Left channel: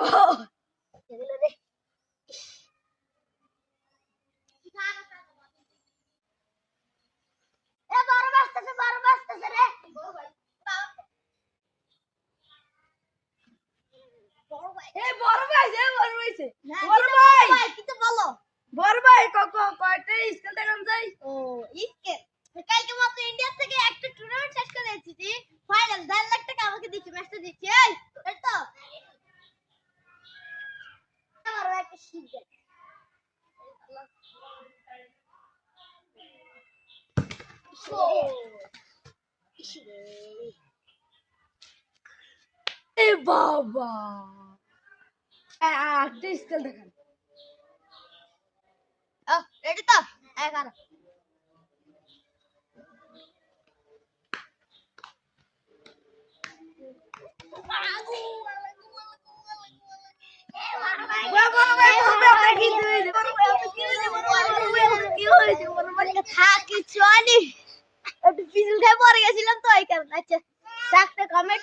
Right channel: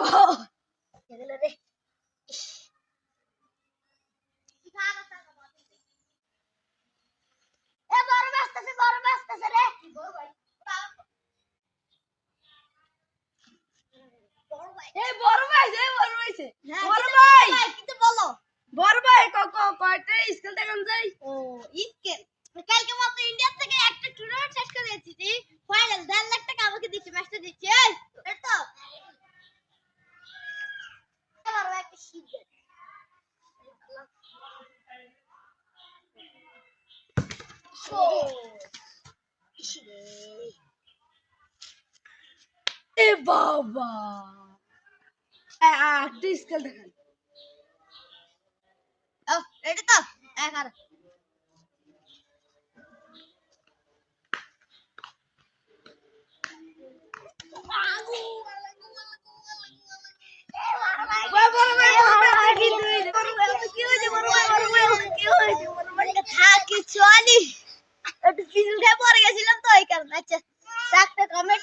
এগুলো রে বড় বাস্তাছে রে বড় ভাই কিন্তু বলো বড় ভাই কয়টা স্কুল দেখান যাই ও স্কেল কালকে মাত্র ইন্ডিয়া থেকে একটা টুর্নামেন্ট শেষ করে এসেছি ফাইনাল 1.5 লাখ টাকা আমাকে দিচ্ছে ম্যাচটা দিচ্ছে এই তো আমার একটা শিখবে এ বাবা একটা স্কেল দেখান ও রেডি তো 11 কিছু আনি একটু পিছন খাই পরে গেছিলাম তো এই কারণে আচ্ছা কমেন্ট